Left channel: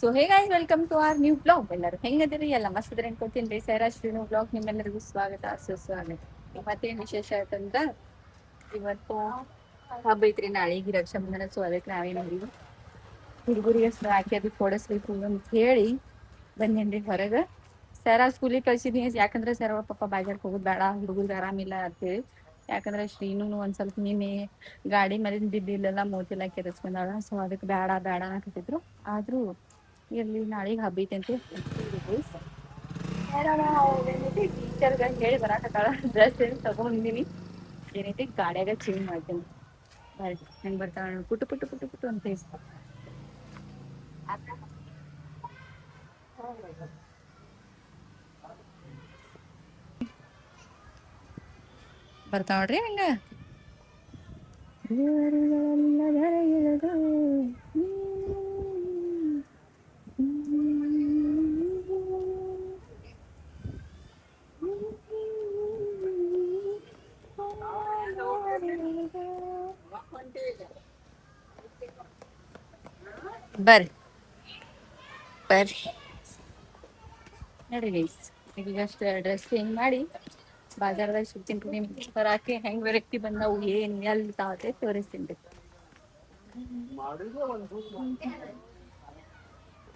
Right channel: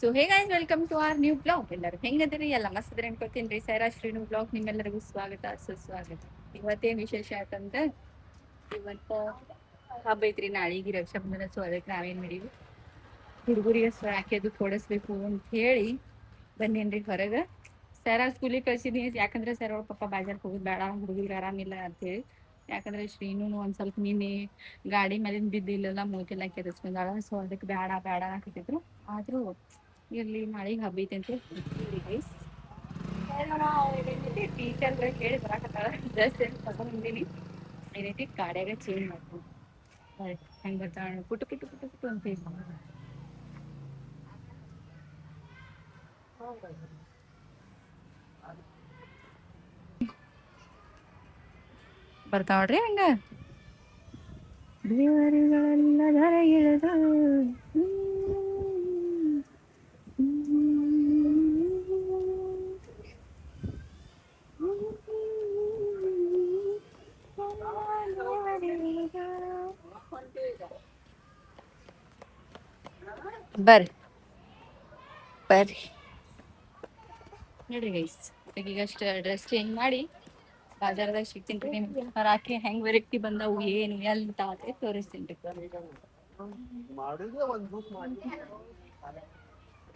So hey guys, welcome to our new blog. ಎಲ್ಲರೂ ಹೆಂಗದಿರಿ? ಎಲ್ಲ ಮಸ್ತ್ ಇದ್ರಿ ಅನ್ಕೋತೀನಿ ರೀ. ಸೈರಾ ಶ್ರೀನು ಬ್ಲಾಗ್ ನಿಮ್ಮೆಲ್ಲರಿಗೂ ಸ್ವಾಗತ, ಸುಸ್ವಾಗತ. ಇವತ್ತೇನು ವಿಶೇಷ ಆಯ್ತಂದ್ರ, ಇವತ್ತು ಹಬ್ಬ ಐತ್ರಿ, ನಾಳೆಗೆ ರಕ್ಷಾಬಂಧನ. ಸೊ ಅದಕ್ಕೆ ನಾವೇನು ಮಾಡೀವಿ, ಹುಡುಗರಿಗೆ ಹಾಕಿ ಅದು ಕೊಡಿಸ್ಬೇಕು ಅಂತ ಹೇಳಿ ಬಂದೇನ್ರಿ ಹೊರಗೆ. ಸರ ಸ್ಕೂಲಿಗೆ ಕಳ್ಸಿದೀನಿ, ಯಾಕಂದ್ರೆ ಸರ್ ಅವ್ರ ಪಪ್ಪ ಬಾಜಾರ್ಗೆ ಹೋಗೋದು ಬೇಡ, ಹುಡುಗರಿಗೆ ಆರಾಮಿಲ್ಲ ಅಂತೇಳಿ. ಯಾಕಂದ್ರೆ ಶ್ರೀನು ಒಂದ್ ಸ್ವಲ್ಪ ನಿನ್ನೆ ಗಾಡಿ ಮೇಲಿನ ಬಿದ್ದಿಲ್ಲೆಲ್ಲ ಮೂತಿಲ್ಲ ಕೆರೆಸ್ಕೊಂಡಾಳ. ಸೊ ಅದಕ್ಕೆ ಬೇಡ ಬೇಡ ಅನ್ನಕತ್ತಿದ್ರು. ಆದ್ರೂ ಇರ್ಲಿ, ನಾಳೆಗೆ ಹಬ್ಬ ಐತೆ ಅಂತ ಏನೈತಿ ಟೀಚರ್ಗ ಹೇಳಿ ಬರಾಕತ್ತಾಳ. ಡ್ರೆಸ್ ಏನು ತಗೊಂಡಿನಿ, ಏನೈತಿ ಗಾಡಿಯಾಗ ಚೇಂಜ್ ಮಾಡ್ತೀನಿ. ಬರ್ರಿ ಹೆಂಗ್ ಬರ್ತಾಳ, ಪುಟ್ಟು ಪುಟ್ಟು ಪುಟ್ಟು ಪುಟ್ಟು ಅಂತ ಬರ್ತಾವ ನೋಡ್ರಿ ಹಂಗ. ದೇವರುಗಳೆಲ್ಲ ಧರ ಇಳಿದು ಬರ್ರಿ ಬರ್ರಿ ನೋಡ್ರಿ ಗೈಸ್, ಈಗಷ್ಟ ಡ್ರೆಸ್ ಚೇಂಜ್ ಮಾಡಿ ಬಾಜಾರ್ದಾಗ ಸಿಗ್ತೀನಿ ರೀ. ನಿಮ್ಗೆ ಹಾಕಿ ಹೆಂಗ್ ವೆರೈಟಿ ಬಂದವು, ಏನು ಎಲ್ಲಿ ತಾತೆ ತೋರಿಸ್ತೀನಿ ರೀ.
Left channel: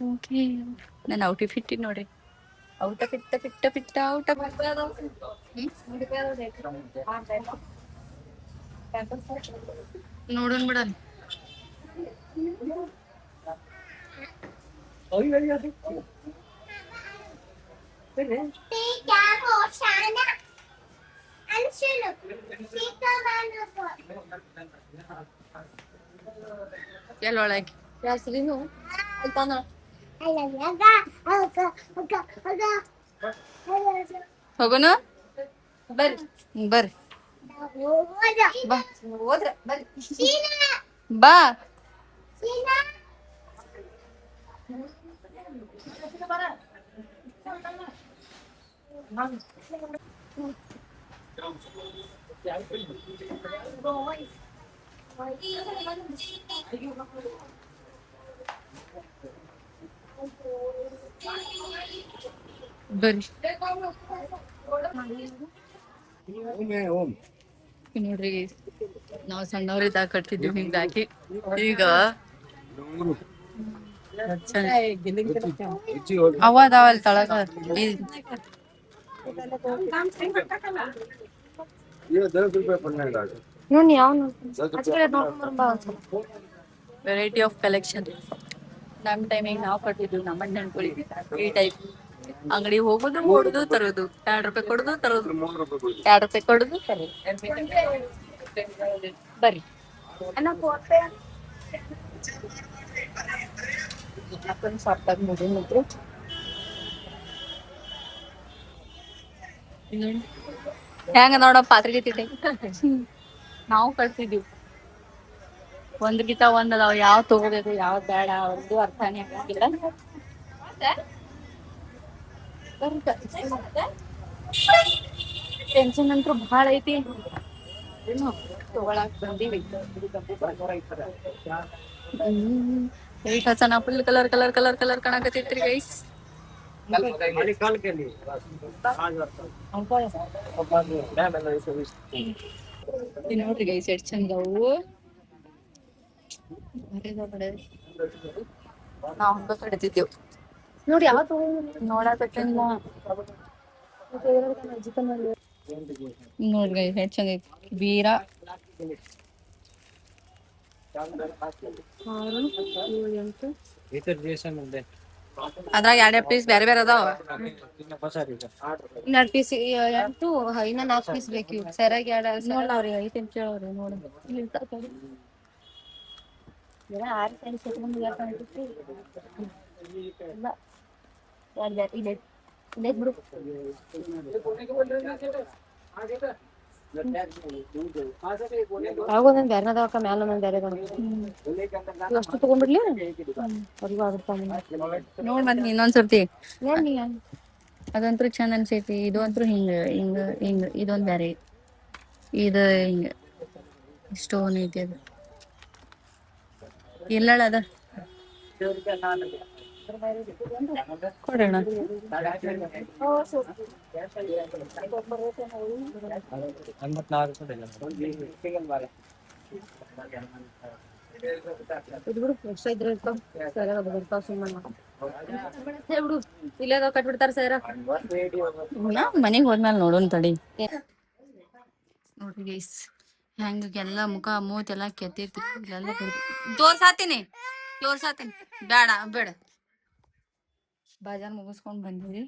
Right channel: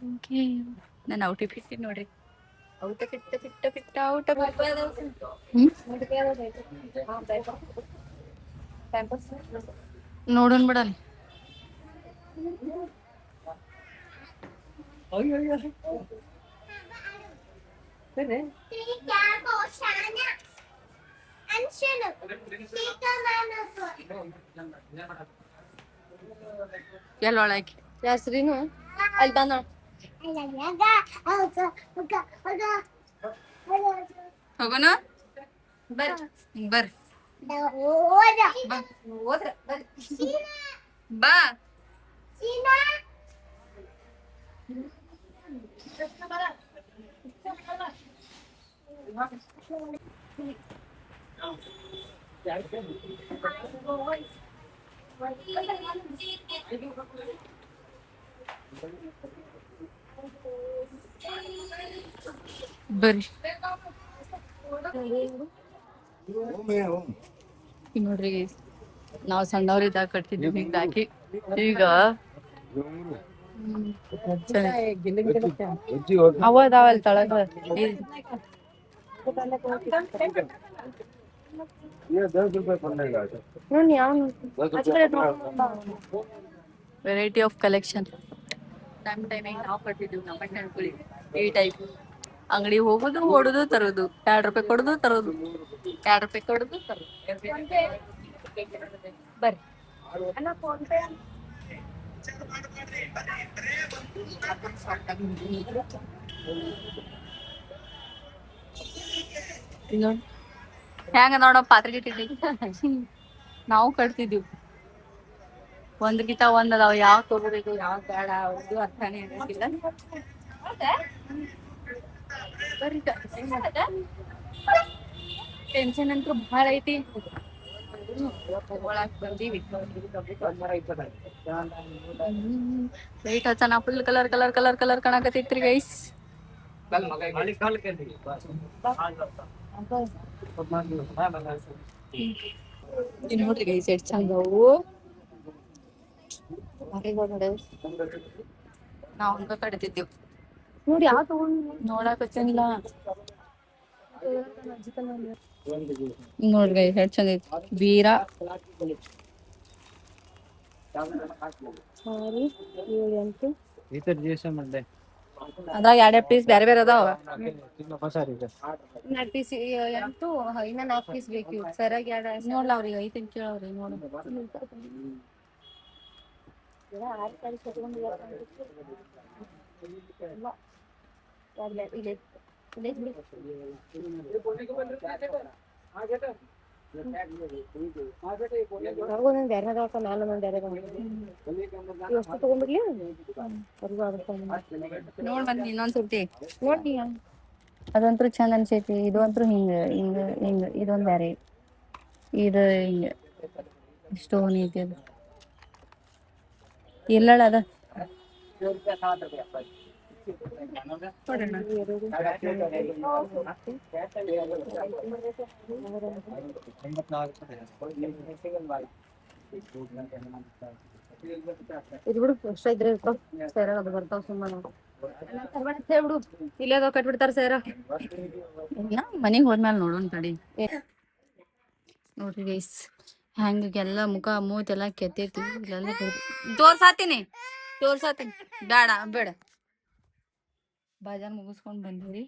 ಓಕೆ, ನಾನು ಔಟಿ ಫಿಟ್ ನೋಡ್ರಿ. ಔಟ ಪಿಟ್ಟ ಪಿಟ್ಟ ಪಿಟ್ಟ ಔಟ ನೋಡೋಣ ಬಿಡಲಿ. ಎಲ್ಲೊಳಗೆ ಹೆಸ್ರಿನು ಅಲ್ಲಿ ಬಂದ ಹೋಗೋಣ. ಬರ್ರಿ ಬರ್ರಿ ಬಾ. ಬರ್ರಿ ನೋಡ್ರಿ, ನಾವ್ ಸಣ್ಣವ್ರಿದ್ದಾಗ ಕಟ್ತಿದ್ವಿ ಹಿಂಗ್ ಹಾಕಿ. ಈಗ ಅವ ಅದಾವಲ್ ತಳಗ. Variety of collection. ನಮ್ ಟೈಮಿಗೆ ನಾವು ಕಟ್ಟಿದ್ವಿ, ನಮ್ಮ ಅಣ್ಣನ್ಕೊಳ್ಳಿ ಈ ಟೈಪ್. ಅಂಗಡಿ ಹೋಗುದು, ಓಡುದು, ತರೋದು, 2 ರೂಪಾಯಿ ಕೊಡುದು, ತರೋದು, 2 ರೂಪಾಯಿ ಕೊಡುದು, ತರೋದು. ಬರ್ರಿ ಮತ್ತೊಂದು ಸಾಫ್ಟ್ ಆಗಿ ಮುಗಿದ್ರು ಹೆಂಗ ನೋಡ ಪಾತ್ರೆಗೆ ತಿಟ್ಟಿ. ನಾವು ಕಟ್ತಿದ್ವಿ, ಒಂದ್ಗಿಂತ ಒಂದ್ ಅದಾವ. ಯಾವ್ ತಗೋಬೇಕು ಯಾವ್ದ್ ಬೇಡ ಅವ್ರದ್ದು ಅರ್ಥನೇ ಆಗಂಗಿಲ್ಲ. ಟೆನ್ಷನ್ ಅಂತೂ ಭಾಳ ಐತಿ. ತಗೊಳಕ್ ಬಂದೀವಿ. ಲೈಟ್ ಹಚ್ಚನ, full colour colour colour colour ಕಾಣಕತ್ತೈತ್ರಿ ಗೈಸ್. ನೋಡ್ರಿ ಗೈಸ್ ಎಷ್ಟ್ ಚಂದ ಅವು. ನಾವ್ ಹಂಗ ಕಡಿತಿದ್ದೇವ್ ನೋಡಿ. ಯಾವ ನೋಡಾಕತ್ತೇನಿಲ್ಲ ನೋಡ್ರಿ ಗೈಸ್ ಎಷ್ಟ್ ಚಂದ ಐತಿ. ಬೀರ 6, 7, 8 ಅದ್ರಾಗ 2 ಪೀಸ್ ಬೇರೆ ಬೇರೆ ಅದಾವ. 2 ಪೀಸ್ 8, ಇನ್ನ 4 ಪೀಸ್ ಬೇಕು. ಸರಿಯಾಗಿ ನೋಡ್ಲ ಅವ್ರಿಗೆ ಐತೆ ಅಂತ ಕೇಳವ್ರಿ. ನೋಡ ಆಗೊಂದ್ ಬೇರೆನದಕ್ಕ ಮ್ಯಾಲ ಒಂದೊಂದ್ ಬೇರೆ ಅಷ್ಟು ತಗೊಂಡ್ಬಿಡ್ಲಿ. ನೋಡ್ ಬಂದ್ ಇನ್ನೊಂದ್ಸರ್ತಿ. ಅದಂತ್ರು ಚಂದ ಅನ್ಸೈತಿ. ಇದು ಅಂತೂ ಹಿಂಗ ಹಿಂಗ ಹಿಂಗ ಇದೊಂದ್ ಬ್ಯಾರೆ, ಇದು ಹಿಂಗ ಸ್ಟೋನ್ ಐತಿ. ಅದು ಎಲ್ಲಳ ಅದ ಕೊಡೋಣ. ಇದು ಬಿಡು ಎಷ್ಟ ಇದ್ರೆ ಇರ್ತಾವ ಸೇರ ಅದು ಬರ್ತಾವ ಸುಮ್ಮನೆ ಹೇಳ್ಬಿಡು ಇಲ್ಲೇದೋ ಕಟ್ಬಿಡ್ತಾರ ಸೇರ ಮನೆಗೆ ಹೋದ್ಮೇಲೆ ನೋಡೋಣ ತಡಿ. ನೋಡ್ರಿ ಗೈಸ್ ಹೆಂಗೆಲ್ಲ ಮುಖ ಮೂತೆಲ್ಲ ಕೆತ್ತೈತಿ ಇಲ್ಲೆಲ್ಲ ತೋರ್ಸಾತೀನಿ ಬೇಡ ಬೇಡ. ಬಾಜಾರ್ ಮುಗಿಸ್ಕೊಂಡ್ ಬಂದೀವಿ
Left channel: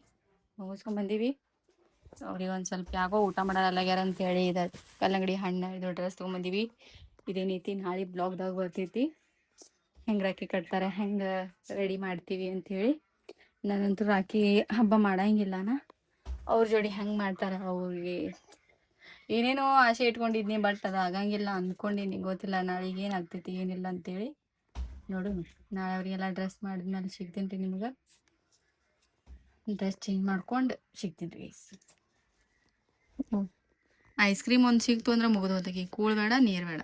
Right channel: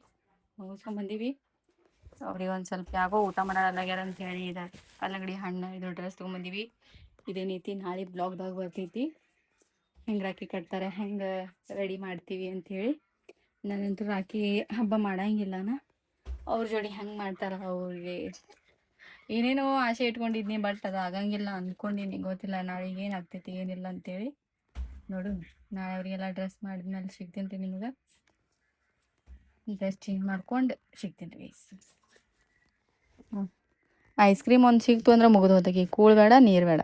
ಅವ್ರಿಗೆ ಒಂದು ಸ್ವಲ್ಪ ಯಾಕೋ ಊಟ ಮಾಡಲಾಗ್ಯಾರ ಅಂತ ಹೇಳಿ ಇದು ಕಲ್ಲಂಗಡಿ ಹಣ್ಣು ಇದು ಡ್ರೆಸ್ ತೊಗೊಂಬಂದೀವಿ. ಇದೇನೈತಿ ನಾಳೆ ಬ್ಲಾಗ್ದಾಗ ಬರ್ತೈತಿ ಹೆಂಗೆ ರಾಖಿ ಕಟ್ತಾರೆ ಹೆಂಗೆ ರೆಡಿ ಮಾಡ್ತೀವಿ ಅಂಥೇಳಿ. ನಾನಂತೂ ರಾಖಿ ಹಬ್ಬ ಮಾಡಂಗಿಲ್ಲನ ಅವ್ರ ಜೋಡಿ ಹೆಂಗೆ ಮಾಡ್ತಾರೆ ಅವ್ರಿಗೆ ಏನೇನೋ ಆಸೆ ಇಟ್ಕೊಂಡಿದ್ನಿ ಬಟ್ ಅದು ಆಗಂಗಿಲ್ಲ ಅಂದ್ಕೊಂಡಿನಿ. ಗೊತ್ತಿಲ್ಲ ನಾಳೆಗೆ ಏನಾಗ್ತೈತಿ ಏನಿಲ್ಲ ಅಂತೇಳಿ ನೋಡು. ನಾಳೆ ಅವರಿಗೆಲ್ಲ ಡ್ರೆಸ್ ಮಾಡಿದ್ಮೇಲೆ ಸಿಗ್ತೀನಿ ರೀ ನಿಮ್ಗೆ. ಡ್ರೆಸ್ ಚೇಂಜ್ ಮಾಡ್ಕೊಂಡು ಸಿಗ್ತೀನಿ ರೀ. ಐಸ್ ಕ್ರೀಮ್ ಒಂದು ಸಿಕ್ತು ಅಂದ್ರೆ ಮುಗಿದು ಹೋದಕ್ಕೆ ಕೂಳ್ ಬೇಡ ನೀರು ಬೇಡ.